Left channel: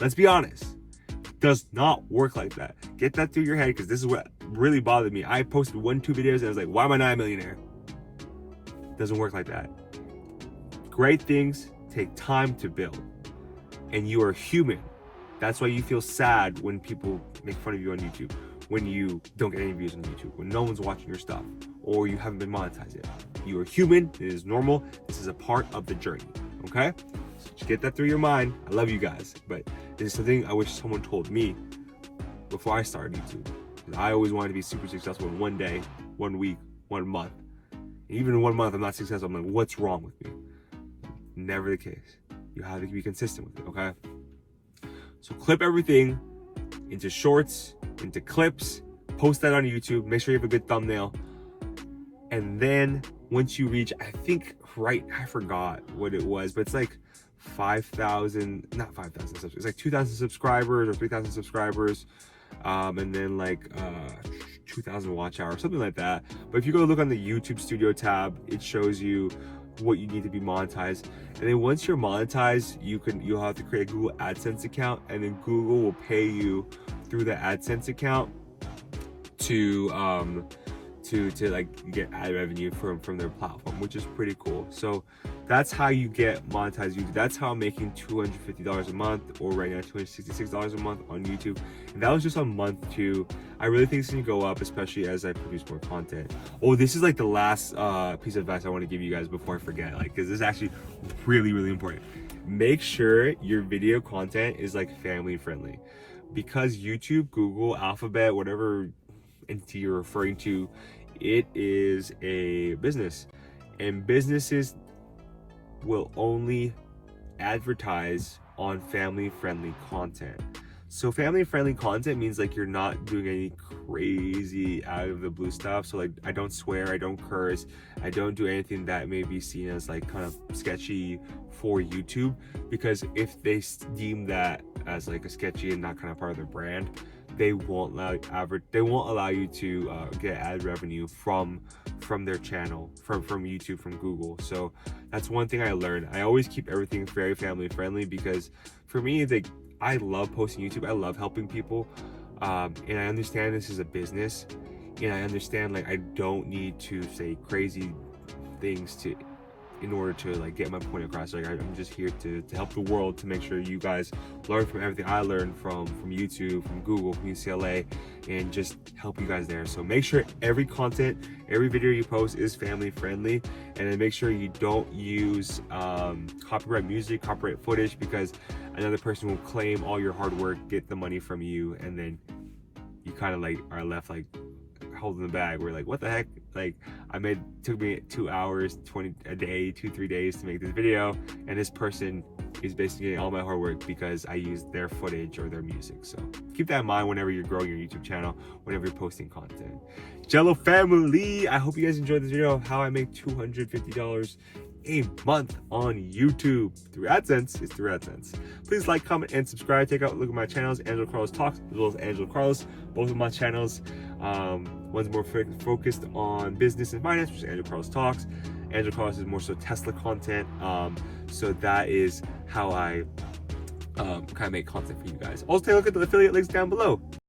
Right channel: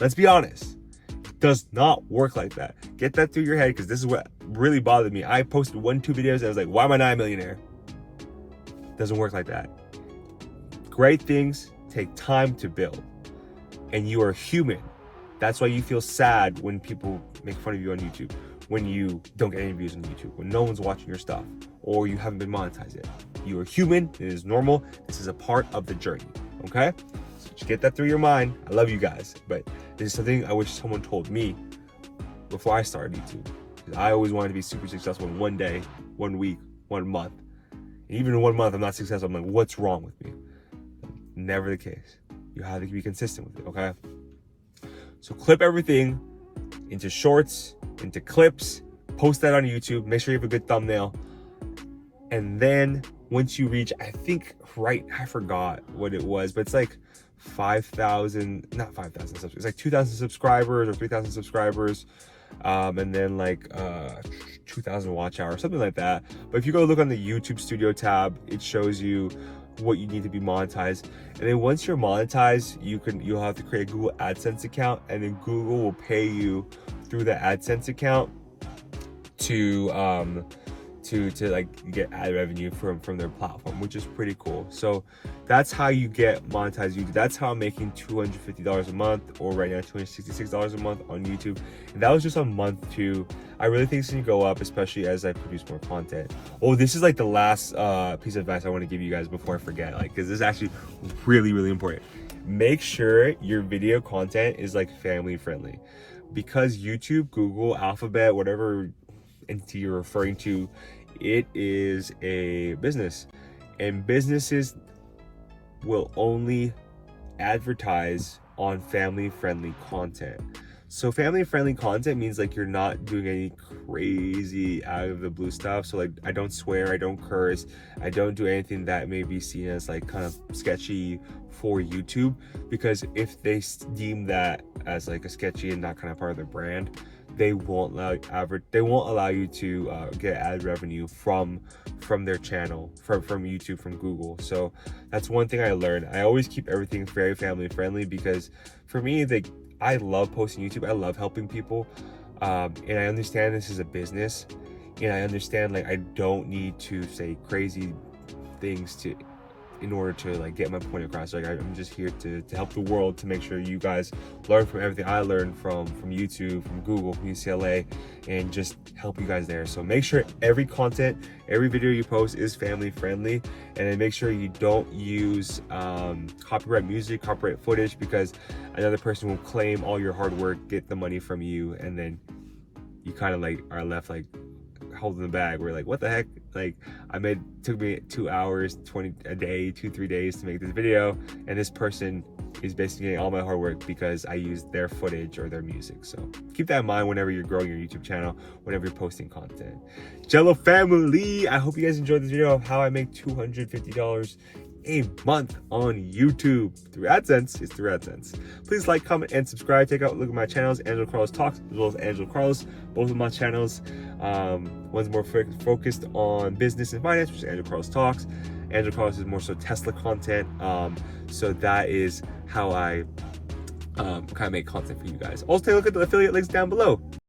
Let's be honest. It does not work like that. Get that through your head, because this is what really bothered me. I posted 1-2 videos and I was like, why am I not a millionaire? It doesn't work like that. Great things take time to build. And you are human. That's why you feel sad when people make fun of you on YouTube, when you don't get any views on YouTube, when no one's watching your stuff, or you haven't been monetized yet. You are human. It is normal. This is a part of the journey. Okay? So just get that through your mind. I love you guys, but this is something I wish someone told me before I started YouTube. Because I always wanted to be super successful in one day, 1 week, 1 month. And even in 1 month, I'm not successful. I'm like, what's wrong with me? Never the case. You have to be consistent with it, okay? So clip everything into shorts, into clips, post that on YouTube, make sure you have a good thumbnail. And then once you reach, I forgot what it was, but it's like 5,000, not 5,000 subscribers, it's like 2,000 subscribers or 3,000 subscribers. And then like 2,000 watch hours, something like that. But if you go look on the YouTube Studio tab, it shows you what you need to be monetized. And then once you're monetized, you'll have to create a Google AdSense account, and then Google will pay you through the AdSense account to like get ad revenue from their platform, which is pretty cool. So that's how you get monetized YouTube. That's how I'm making $250 a month, or right now $266 a month on YouTube. And that was just on month 2. I really think it's gonna go up, especially as I produce more content. Oh, this is like the last piece of advice I want to give you guys before I forget, like, because this is actually really, really important. Make sure your video content is like family friendly, because YouTube, Google, Alphabet, whatever entity you're referring to, it is a business, and businesses will only advertise on family friendly content. So family friendly content means like you're not doing any crazy out of the blue stuff. So like, I don't swear, I don't curse, I don't do anything that may be seen as like kind of sketchy for YouTube, because if they deem that as like a sketchy and not kind of part of their brand, they won't allow you to get ad revenue from their channel, from YouTube, from Google. So that's one thing I learned. I always keep everything very family friendly, because for me, I love posting YouTube. I love helping people, and I understand this is a business, and I understand like I don't need to say crazy things in order to like get my point across. Like, I'm just here to help the world, to make sure you guys learn from everything I learned from YouTube, from Google, from UCLA, and just help you guys there. So make sure every content, every video you post is family friendly, and then make sure you don't use copyright music, copyright footage, because another person will claim all your hard work, get the money from you, and then you kind of like are left like holding the bag. We're like, what the heck? Like, took me 2 hours, 3 days to make this video, and this person is basically getting all my hard work because I used their footage or their music. So keep that in mind whenever you're growing your YouTube channel, whenever you're posting content. Jello family, I hope you guys enjoyed this video of how I make $250 a month on YouTube through AdSense. It's through AdSense. Please like, comment, and subscribe. Take a look at my channels, Angelo Carlos Talks, as well as Angelo Carlos. Both of my channels. One's more focused on business and finance, which is Angelo Carlos Talks. Angelo Carlos is more so Tesla content. So that is how I kind of make content for you guys. Also, take a look at the affiliate links down below.